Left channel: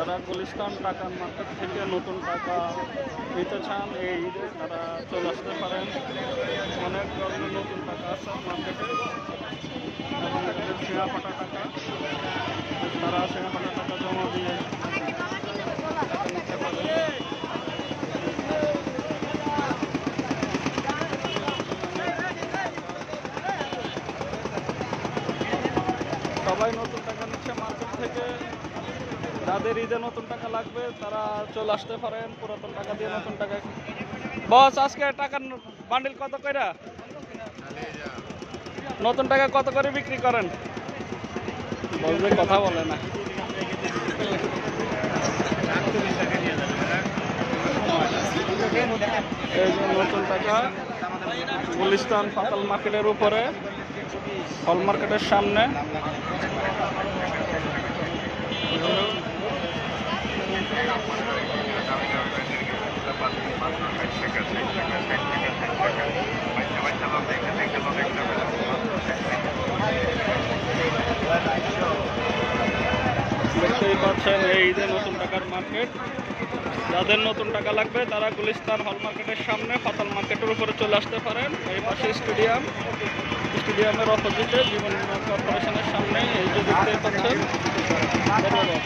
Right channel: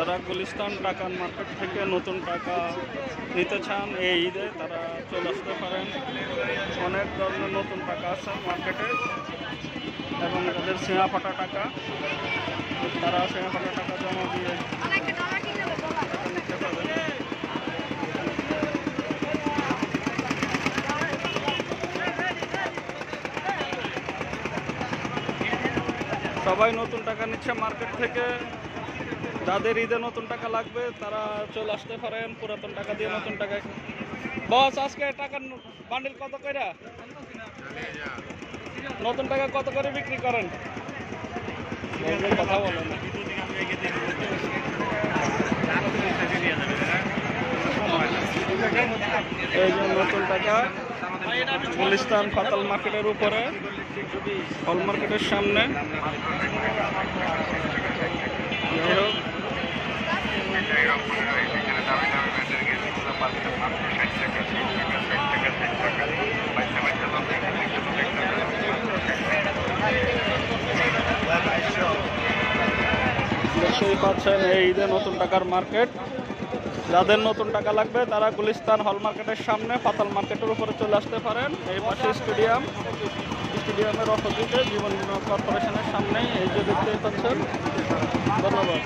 যারা গুলিস্তান টাকার মার্কেট থেকে নতুন টাকা নিতে চান এই ঈদে তারা চলে আসতে পারেন। অনেক ধরনের নতুন টাকা আছে মার্কেটে এবং যাদের সিঙা ফাটা টাকা তারা সিঙা ফাটা টাকা জমা দিয়ে টাকা নিতে পারেন। সবাই নতুন টাকা নিচ্ছে মার্কেট থেকে। যাদের ঈদে নতুন টাকা লাগবে তারা চলে আসতে পারেন পুরাতন টাকা দিয়ে নতুন টাকা। বস আজকে টাকার বান্ডিল কত করে? নতুন টাকা কত করে বিক্রি করেন? বলবেন, কথা বলে না। এই যে নতুন টাকা গুলিস্তান ফাতাল মার্কেটের উপরে, হল মার্কেটের সামনে। দেখতেই পাচ্ছেন এই ঈদে নতুন টাকার মার্কেট। যাদের নতুন টাকা লাগবে তারা গুলিস্তান হল মার্কেটের সামনে ফাতাল মার্কেটের উপরে চলে আসতে পারেন। এই পাশে স্টেডিয়ামের অপোজিটে জীবন কর্পোরেশনের সামনে এই যে দেখতেই পাচ্ছেন। ধন্যবাদ।